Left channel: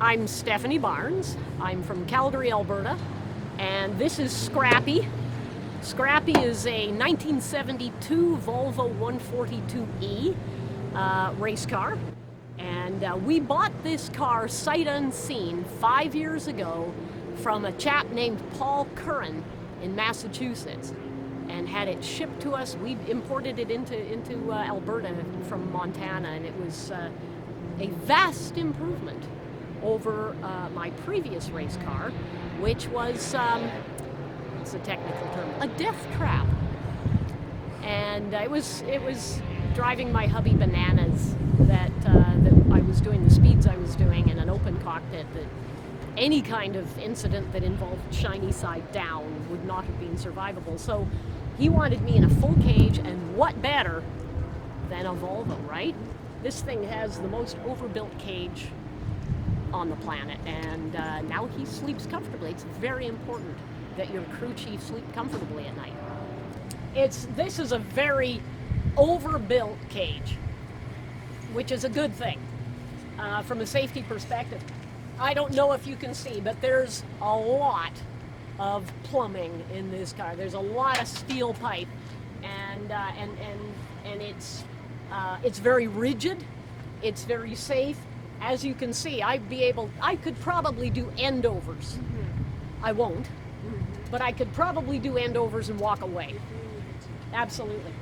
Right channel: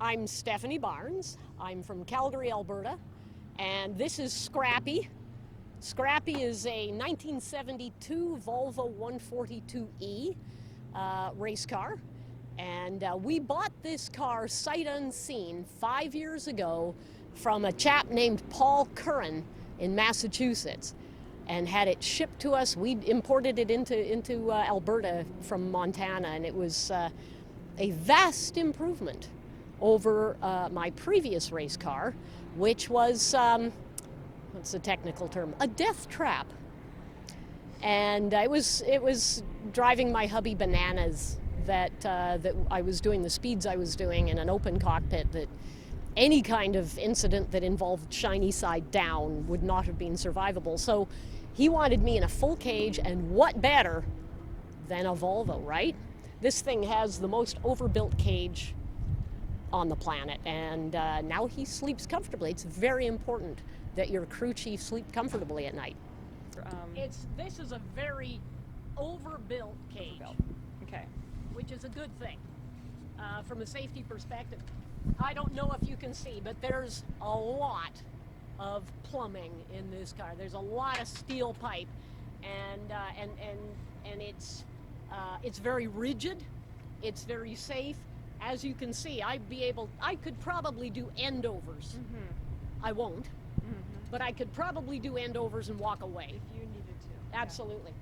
I'm Stephanie Barnes. I'm from Calgary, Alberta, and this is Scrappy. Scrappy is a 1972 Volvo 142E race car, and we bought this car sight unseen 5 years ago from a chap named Paul Curran in Massachusetts, and had it shipped to us. We imported it into Alberta from Montana, and it was a vast improvement over my previous race car, which was, it's a technical term, a death trap. And it was driving my hubby bananas that I was doing the speeds I was doing in an open cockpit, that any kind of incident that involved shiny side down would not have been survivable. So he wanted me in a full cage, and what better than a Volvo, right? This thing has the most overbuilt cage on the planet, and now he sleeps comfortably. It's very important that your crew chief sleep comfortably at night. This is a very overbuilt cage, which is a good thing from a safety perspective. I don't know if you can see, but there's a lot of plumbing in this car. There's a lot of steel pipe, and it's very rigid. It's very safe. As you can see, I could probably do endovers. Mm-hmm. I won't, but I could probably do endovers and walk away. Absolutely.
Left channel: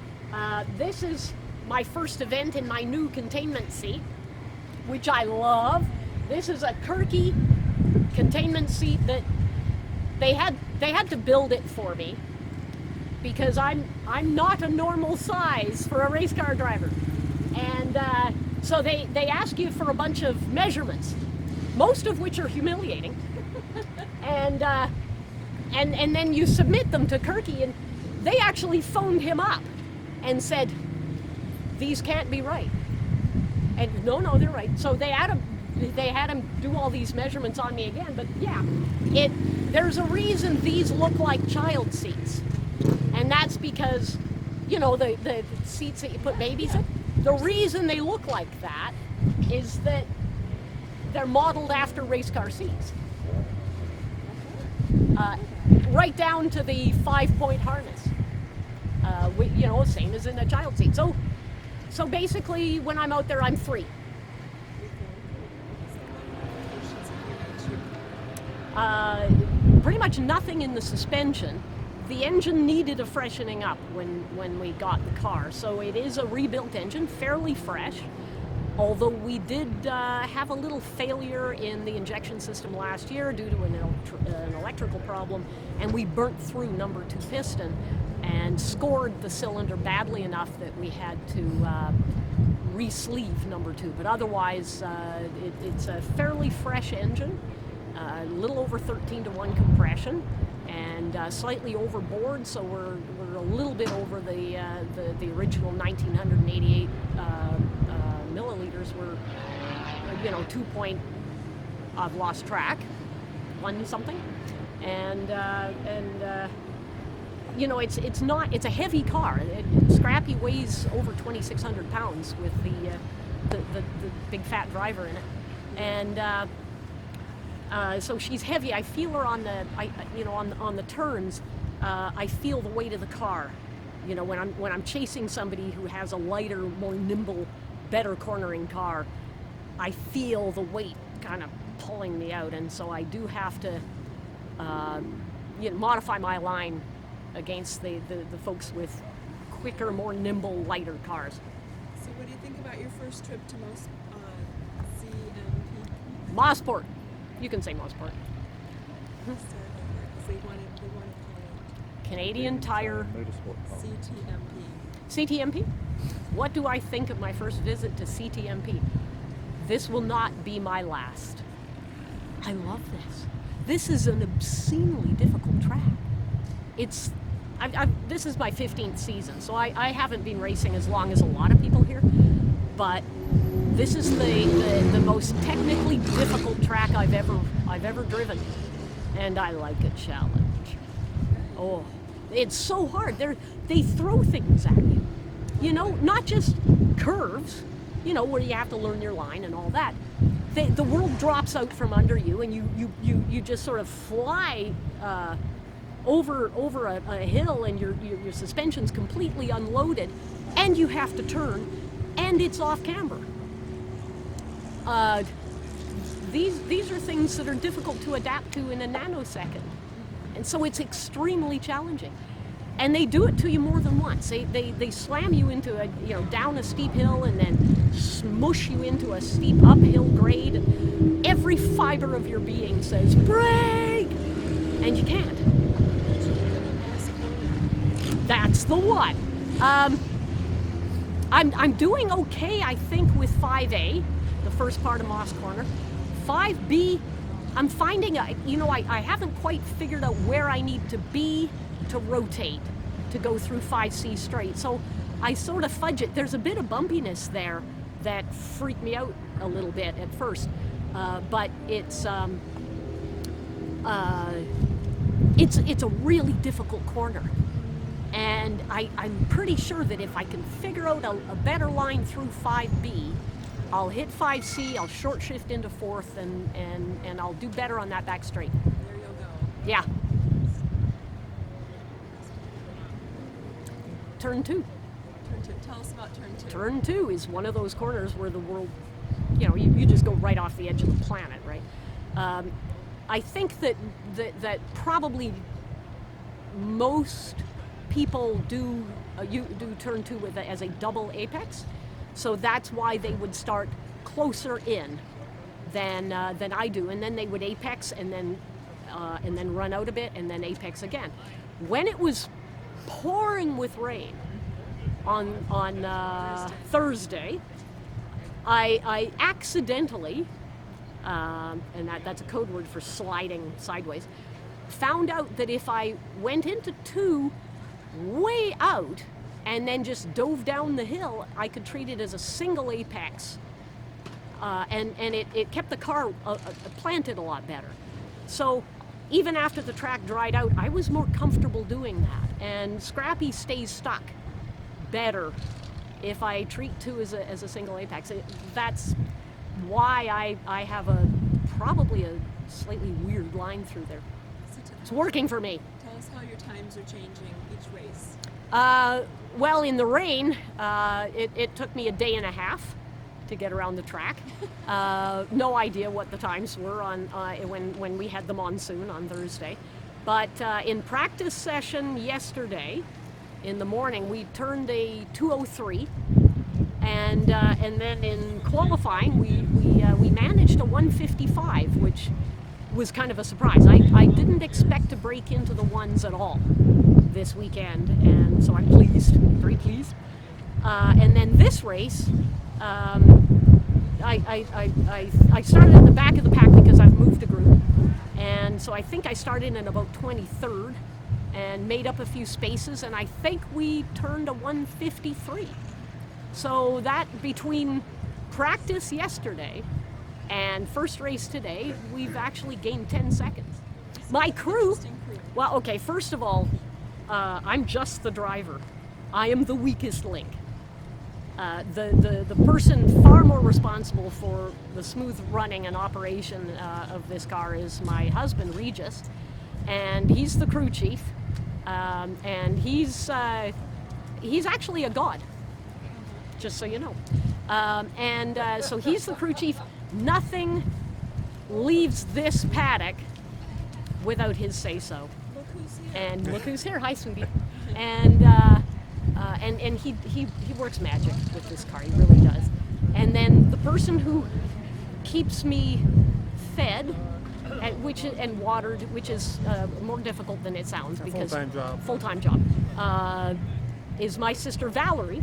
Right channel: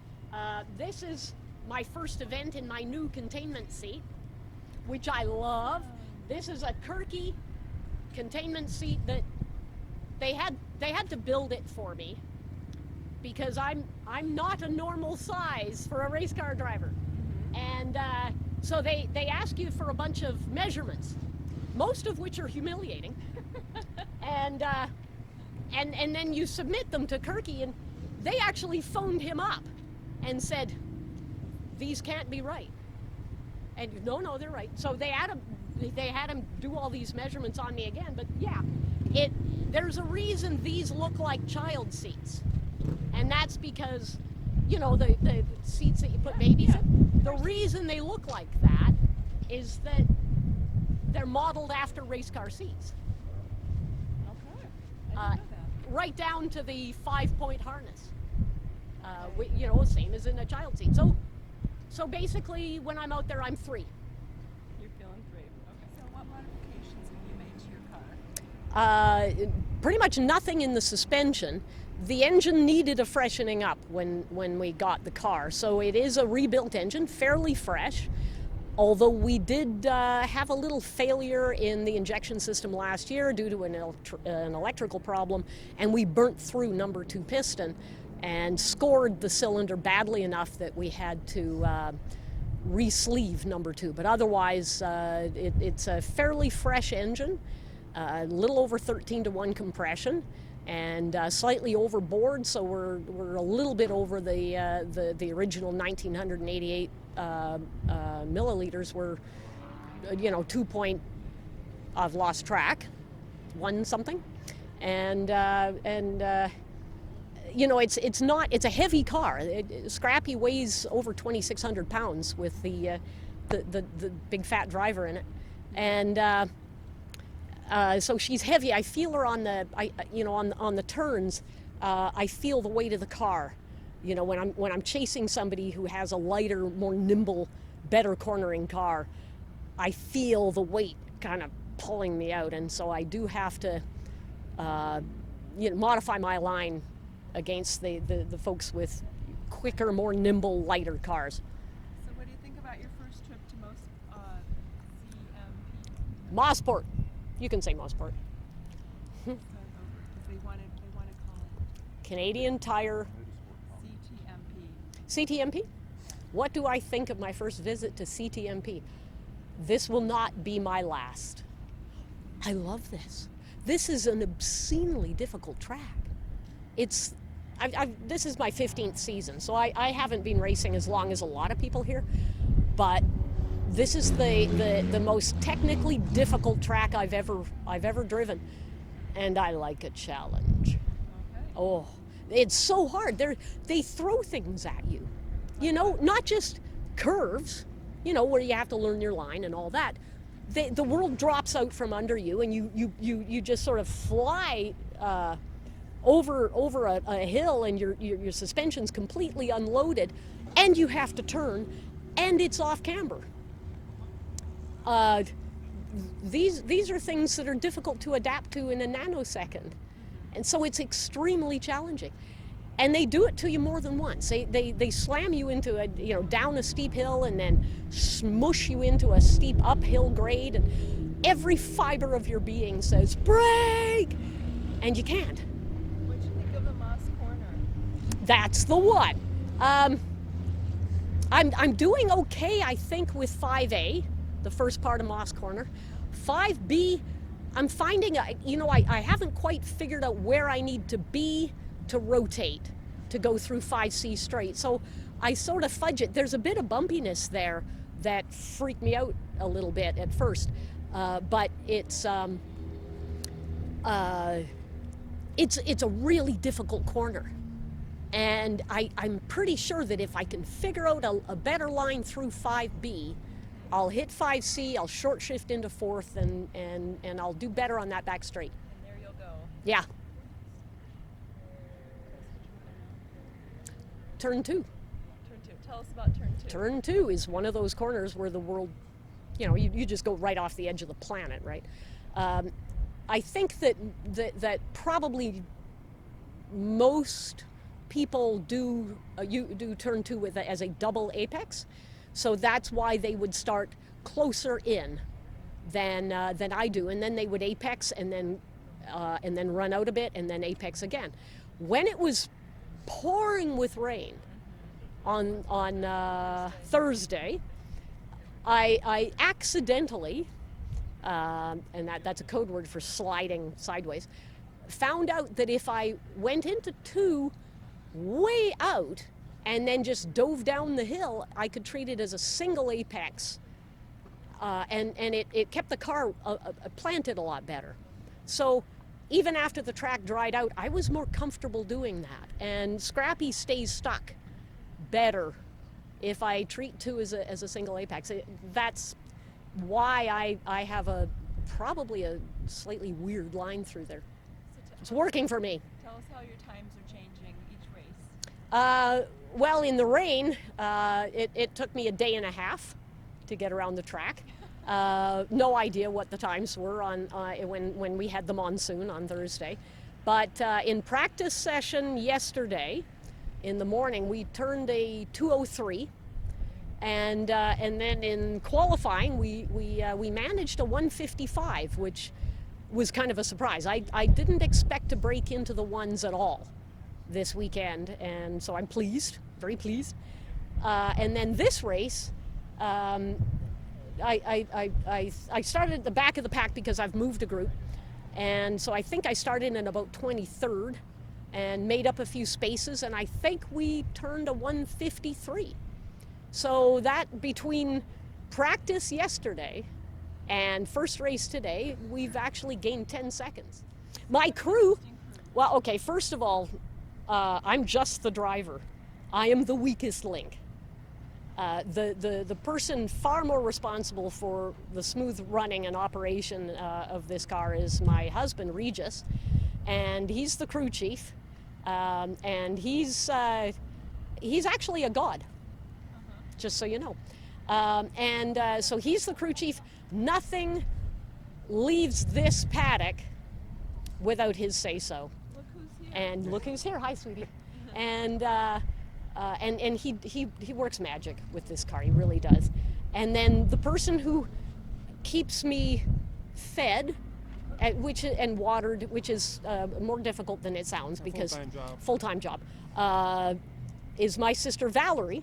This is my first event in my new containment seat, which I love. This is a Querque containment seat that they had to build it for me, because I'm not a normal size for a race car driver, and so they ask you for a bunch of measurements, most of which are humiliating, and then you submit them to Querque, and they actually phoned him up and said, these can't be right. And no, they're right. So they had him do all these measurements on me again. But yeah, there's a reason these look like child seats, and that's because, you know, the seats that you put babies in. The reason they look like that is that they're modeled after race car seats, right down to the 5-point harness. You know, same as in a child seat. So basically, when I'm out there, I'm free. Pretty much nothing in the suspension. The engine needed a freshening up when we got the car, so it is a rebuilt engine, fairly fresh, although we did have a little failure in the injection system last year due to an electrical problem, and we burnt through number 2 piston and scored the cylinder badly enough that we had to re-sleeve number 2. But otherwise, it's a fairly fresh engine, a little over 13-to-1 compression, and slightly overboard, so we're a little bit over the original 1988 milliliters. We're, you know, 2 point. I've lost track, 1 something, and you know, it's a heavy car. Scrappy weighs over 2,600 pounds with the big fat driver in it, and so she's heavy. I feel her on the turns. I feel the weight of the car. You know, when I'm chasing somebody who has a lighter, more nimble, better cornering car, I feel the weight kind of pulling me out, and so I do have to modify my line against the folks with quicker, more nimble, lighter cars. So what do you think about your first trip to CMP? Mosport. You can say Mosport. They want to call it Canadian Tire. CTMP. CTMP? What do I think of my first visit to CTMP? This will not be my last. I love this. This is an obscenely difficult track. This is my 15th season, so I haven't been racing as long as a lot of people here, but this is the most technically difficult track I've ever driven, and I like a challenge. Oh, it's so hard. They throw things at you, you know, not just curves, you know, where you have to learn your line and all that. the world drops out from under you, and you just sort of fly over a hill, and your suspension's completely unloaded, and you have to turn, and it's off camber. These are things that are difficult to adapt to in a nanosecond, and so it's extremely challenging. And they do it to you more than once. They slam you into down a steep hill and then smush you into a steep uphill grade. And every fiber of your being says, brake! And you can't. That's the one. I'm doing okay, I think, with 5A, the first part of Moss Corner. 5B, I'm finding, I haven't quite figured out where I need to be to rotate, to go through 5C straight. So I sort of fudge it. There's a bit of bumpiness there that freaked me out a little bit at first, but it's a really difficult corner. And I'm pretty sure that if I can figure out a better line through 5B, I'll hit 5C, I'll short shift into 4th, and I'll do better on that back straight. There you'll go. Yeah. Turn 2. Turn 2. Tell us about turn 2. Turn 2 is one of those corners where the world, you just go right off the edge of the planet, right? I think that probably most people do turn 2 as a double apex, so that's why they would start closer in than I do, and then they would apex and then run out a bit and then apex again. When it was pouring with rain on Thursday, I accidentally, and that's a code word for sliding sideways, found out that if I went into 2 way out and then just dove down the hill, I could treat it as a single apex, and it kept the car planted a lot better. So even after the track dried out, I was more comfortable doing that. And Scrappy stays stuck better if I treat 2 as a single apex. That's why I have probably a slightly weird line through there. It's working for me. Tell us how your times are changing each race. Well, in the rain, it took me a day and a half to get around the track. No idea what the times were when we had the monsoon on Thursday. But in practice session yesterday, in the morning, we turned a 203, and then in qualifying, we managed a 155, which was kind of a surprise. I didn't expect to break into the ones at all this weekend, and so I'm pleased, very pleased. And then this race, I started at the back of the pack because I've moved a group, and so I think I started in about 23rd and made up a few spaces, and I think we turned a 153. So that, between practice yesterday and first race today, we've actually gained 10 seconds. My crew, well, okay, first of all, I'm just the driver. I am the weakest link. The person far more responsible for the smooth running and operation of this car is my husband, Regis, and he's the crew chief, and he's actually a god, just so you know. So he's the crew chief. Nothing leaves this paddock without his say-so. And look who's here. Hi, sweetie. And he works magic with this car. He really does. And then the person who keeps me fed and watered, which is more difficult than it sounds because full-time job, is my sister Valerie,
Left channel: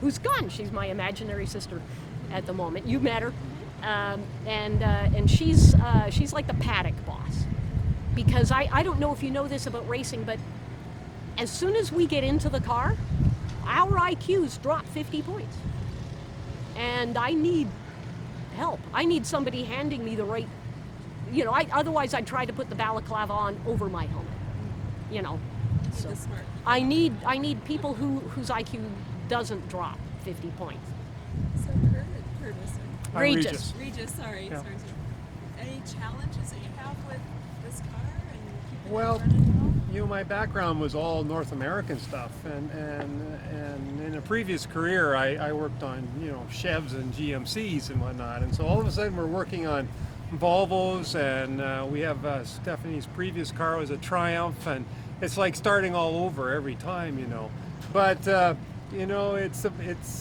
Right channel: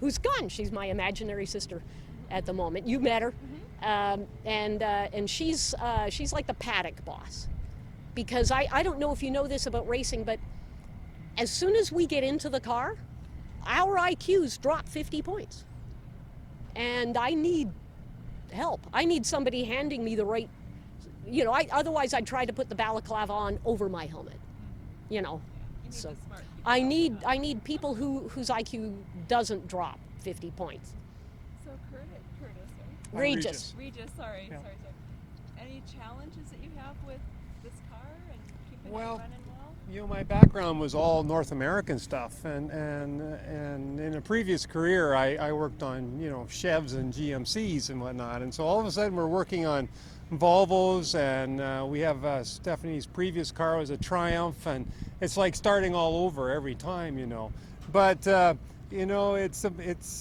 who's gone. She's my imaginary sister at the moment. You met her, and she's like the paddock boss. Because I don't know if you know this about racing, but as soon as we get into the car, our IQs drop 50 points. And I need help. I need somebody handing me the right, otherwise I'd try to put the balaclava on over my helmet, So I need people whose IQ doesn't drop 50 points. So Curtis, I'm Regis. Regis, sorry. Yeah. Any challenges that you have with this car and keeping Well, it running well? you know, my background was all North American stuff, and in a previous career, I worked on, you know, Chevs and GMCs and whatnot, and so all of a sudden we're working on Volvos, and we have Stephanie's previous car was a Triumph, and it's like starting all over every time, you know. But you know, it's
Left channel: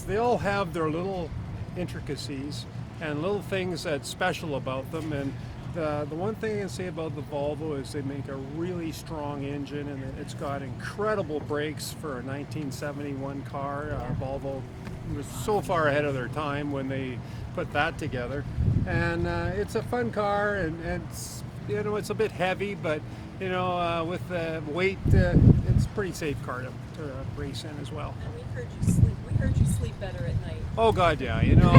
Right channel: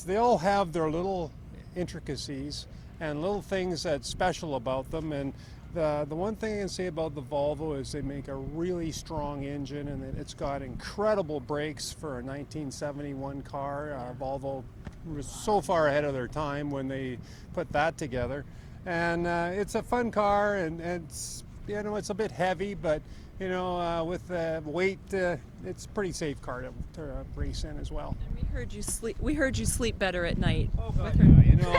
they all have their little intricacies and little things that's special about them, and the one thing I can say about the Volvo is they make a really strong engine, and it's got incredible brakes for a 1971 car. Volvo was so far ahead of their time when they put that together, and it's a fun car, and it's, you know, it's a bit heavy, but you know, with the weight, it's a pretty safe car to race in as well. And we heard you sleep. We heard you sleep better at night. Oh God, yeah. You know,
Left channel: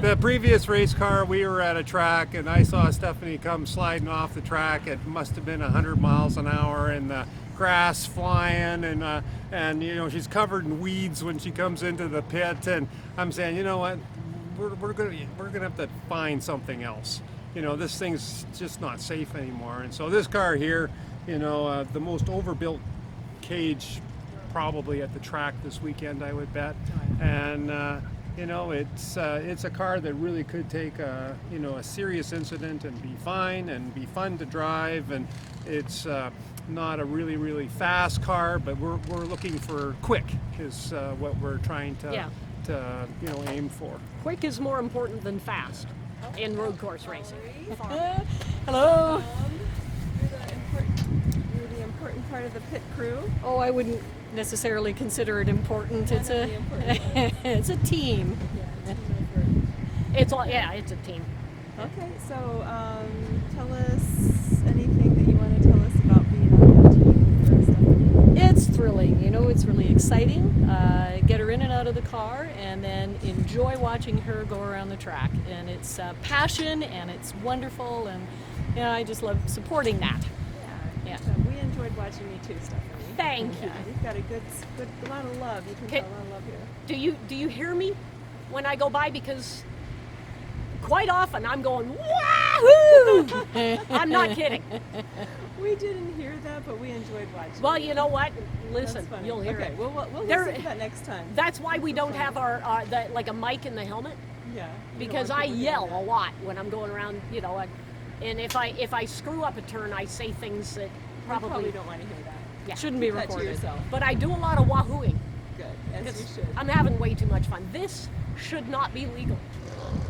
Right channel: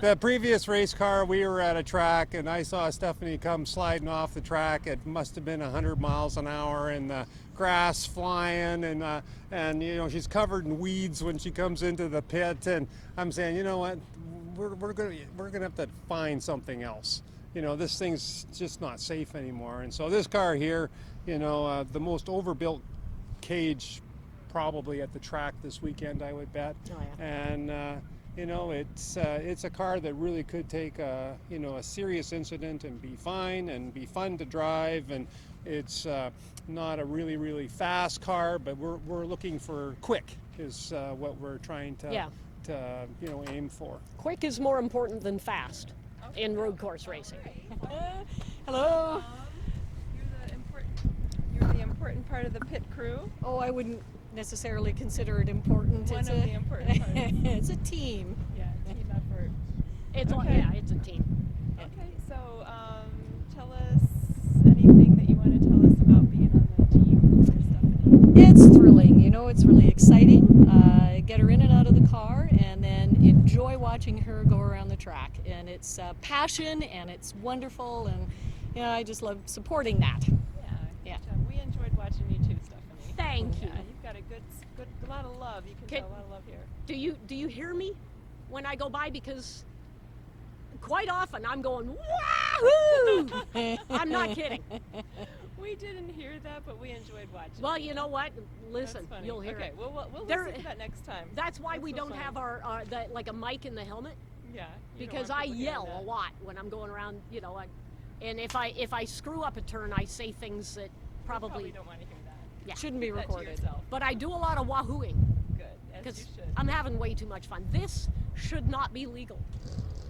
the previous race car, we were at a track, and I saw Stephanie come sliding off the track. It must have been 100 miles an hour, and the grass flying, and you know, she's covered in weeds when she comes into the pit. And I'm saying, you know what, we're gonna have to find something else. You know, this thing's just not safe anymore. And so this car here, you know, the most overbuilt cage probably at the track this weekend, I would bet. And you know, it's a car that really could take a, you know, a serious incident and be fine and be fun to drive. And it's not a really fast car, but we're looking for quick is what we're trying to you know, aim for. Quick is more important than fast in road course racing. Hello. You're the important part of the pit crew. Oh, I wouldn't necessarily consider it important. One It's of a the important ones. it's a team. Yeah, team effort. It's all, yeah, it's a team. Okay, so tell us anything that you want to tell us about being on the team for Stephanie. It's thrilling, you know. It's really exciting. Get her in and out of the car, and then enjoy watching her go around the track. And it's passion, and it's wonderful, and you know, I just love supporting that. Yeah. Yeah. We enjoyed watching you too, Stephanie. Thank you. Yeah, you've got a good lot of love. You can Okay. tell a lot of love here. Do you hear me when I go by? Because quite often I'm going, wahoo! I'm not kidding. We didn't hear that, but we enjoyed watching. Well, you know what? Listen, That's funny. you'll hear okay, it. we'll There- listen to that next time. That's why we don't have our like a mic in the helmet, Yeah. you don't because want I people yell hearing a that. lot when I'm going around, you know, and if I screw up a turn, I say things that We probably don't want to hear that. yeah. Shouldn't be Keep that to recorded. yourself. But I do a lot of wahooing. Good, as Because you should. I'm having way too much fun. This should not be legal.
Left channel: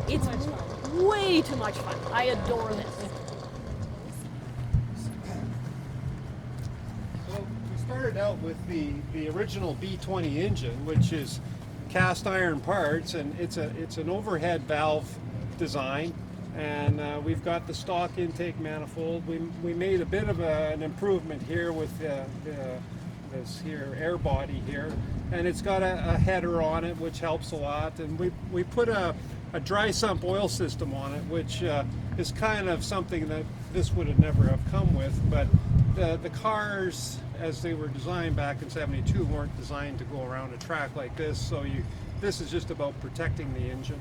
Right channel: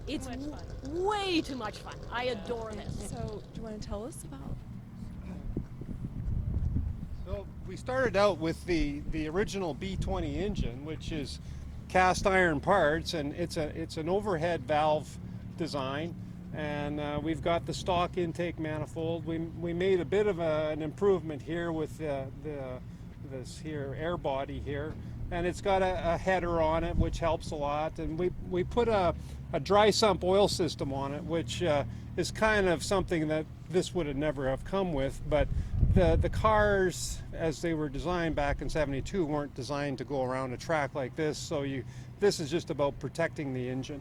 It's much fun. way too much fun. I adore this. So, you want to tell us? So we started out with the original B20 engine, which is cast iron parts, and it's an overhead valve design, and we've got the stock intake manifold. We made a bit of an improvement here with this here air body here, and it's got a header on it, which helps a lot, and we put a dry sump oil system on it, which is kind of something that this would have never have come with, but the cars as they were designed back in '72 weren't designed to go around a track like this, so this is just about protecting the engine.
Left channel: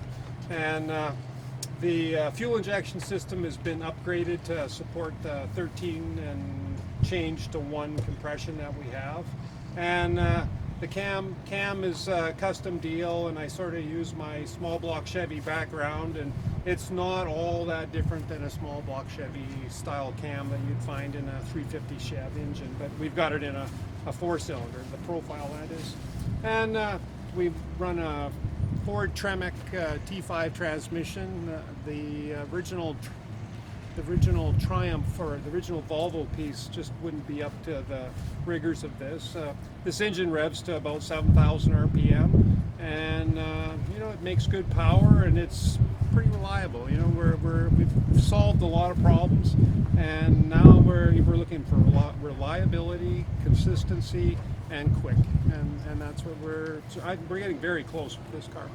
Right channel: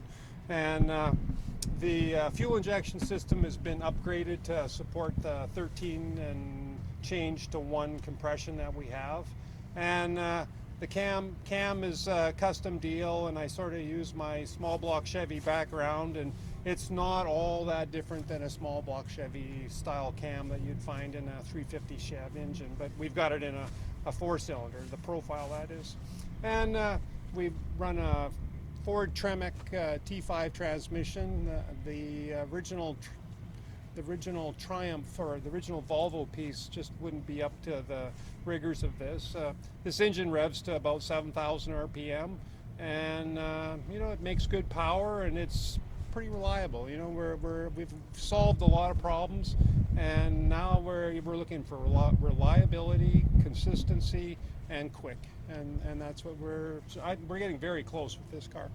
And the fuel injection system has been upgraded to support the 13 and change to 1 compression that we have, and the cam is a custom deal, and I sort of use my small block Chevy background, and it's not all that different than a small block Chevy style cam that you'd find in a 350 Chev engine, but we've got it in a 4-cylinder, the profile that is. And we've run a Ford Tremec T5 transmission. The original Triumph, or the original Volvo piece, just wouldn't be up to the rigors of this. This engine revs to about 7,000 RPM, and you know, it makes good power, and it's pretty reliable. You know, we've solved a lot of problems, and now we're looking for a lot reliability, consistency, and quick, and that's what we're getting very close with this car.